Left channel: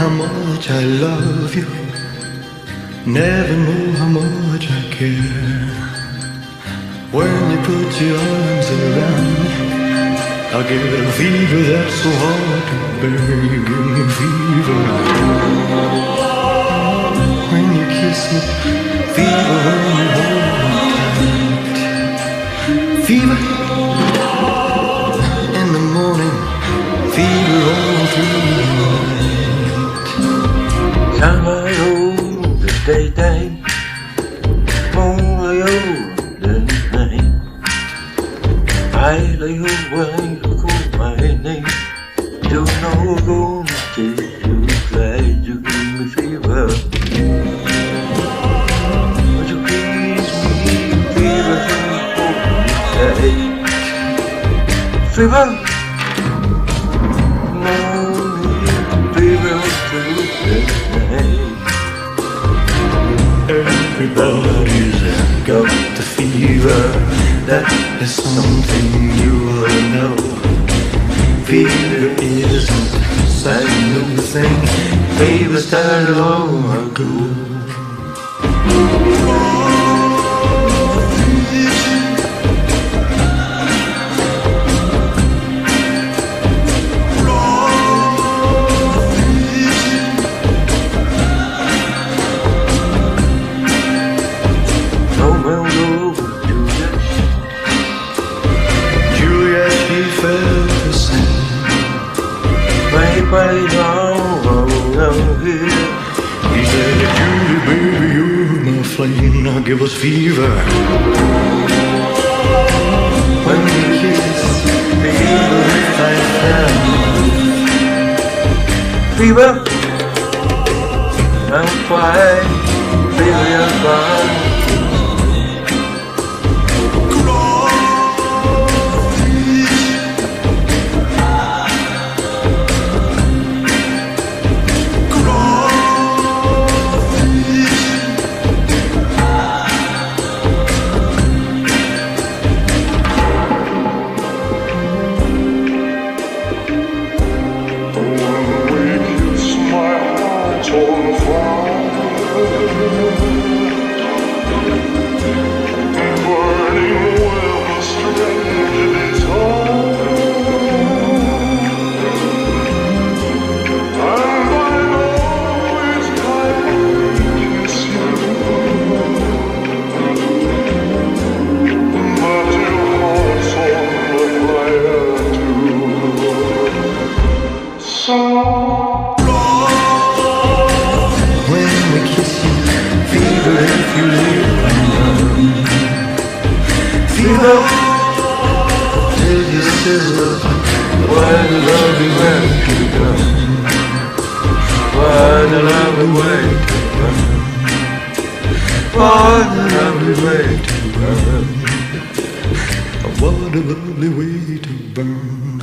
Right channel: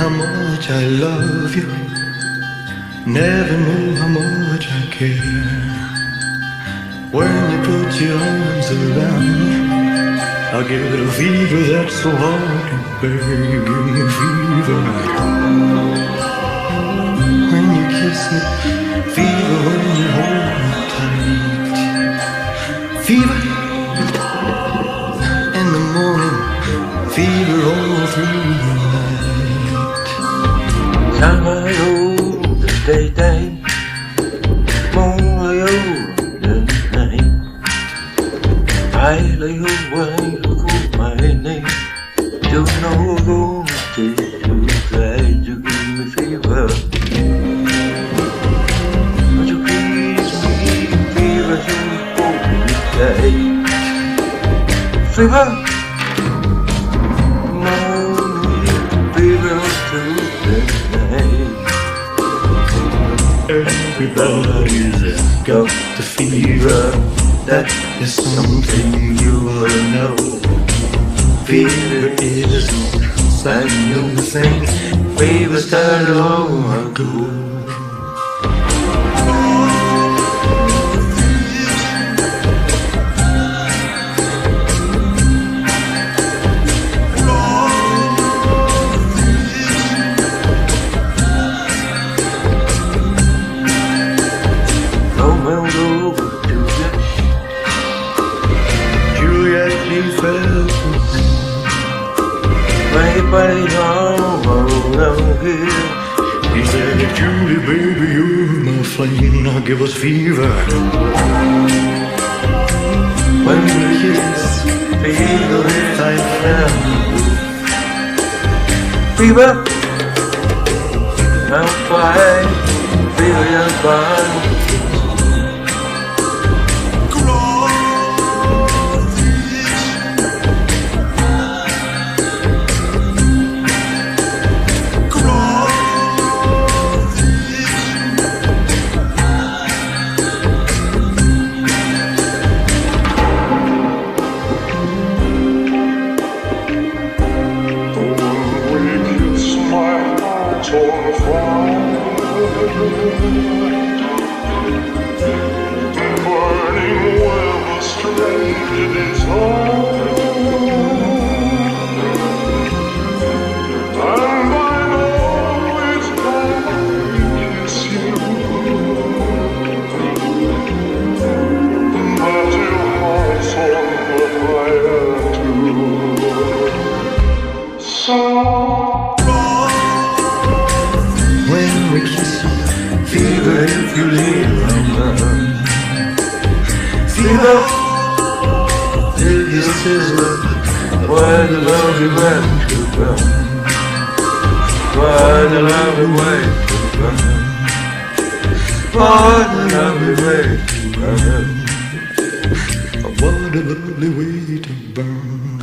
how much I love you. Never know how much I care. When you put your arms around me, I get a fever that's so hard to bear. You give me fever. When you kiss me, fever when you hold me tight. Fever in the morning, fever all through the night. Sunlight the daytime, moonlight the night. I lay away for my name. Don't know gonna taste you, try to give me fever. Would you kiss me, fever, so hold me tight. Fever, morning, fever to the night. Everybody's got the fever. That is something you will know. Fever isn't such a new thing. Fever started long ago. Romeo over Juliet. Juliet, she felt the same. Everybody know here. He said, Julie, baby, you're my flame. Now give us fever. When we kiss, fever is I found. Fever, I'm fine. Fever, you're fine. My heart's on fire, burning with a strange desire, and I know it's time I kiss you, but your heart's on fire too. So when we kiss you, fever if you leave my arms. Fever till you sizzle. Why the lovely way to come? Why the lovely way to come? Why the lovely way to come? What a lovely way to burn.